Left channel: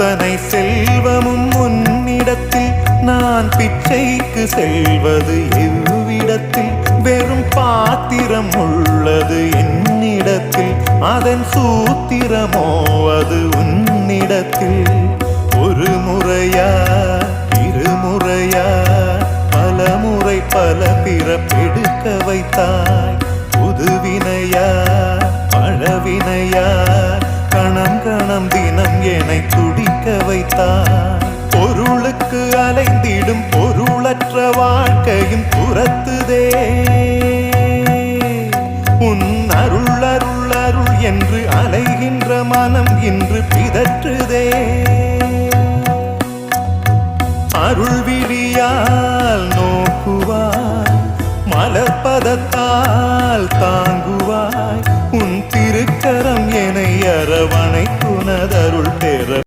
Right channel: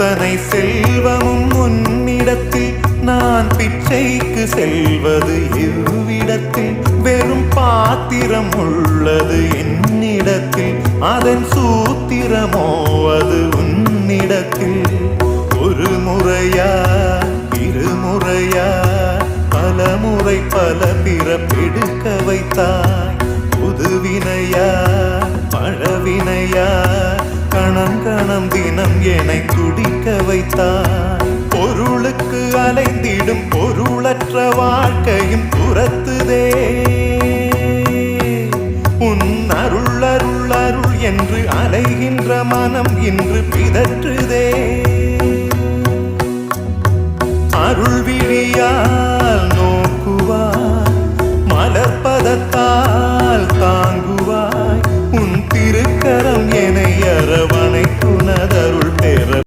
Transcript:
அத்தனை செல்வமும் உன்னிடத்தில் நான் பிச்சைக்கு செல்வது எவ்விடத்தில் வெறும் பாத்திரம் உள்ளது என்னிடத்தில் அதன் சூத்திரமோ அது உன்னிடத்தில் ஒரு முறையா இருமுறையா பலமுறை பல பிறப்பெடுக்க வைத்தாய் புதுவினையா பழவினையா கணம் கணம் தினம் என்னை துடிக்க வைத்தாய் பொருளுக்கு அலைந்திடும் பொருளற்ற வாழ்க்கையும் துரத்துதே உன் அருள் அருள் அருள் என்று அலைகின்ற மனம் இன்று பிதற்றுதே அருள் விழியால் நோக்குவாய் மலர்பதத்தால் தாங்குவாய் உன் திருக்கரம் என்னை அரவணைக்குனதருள் பெற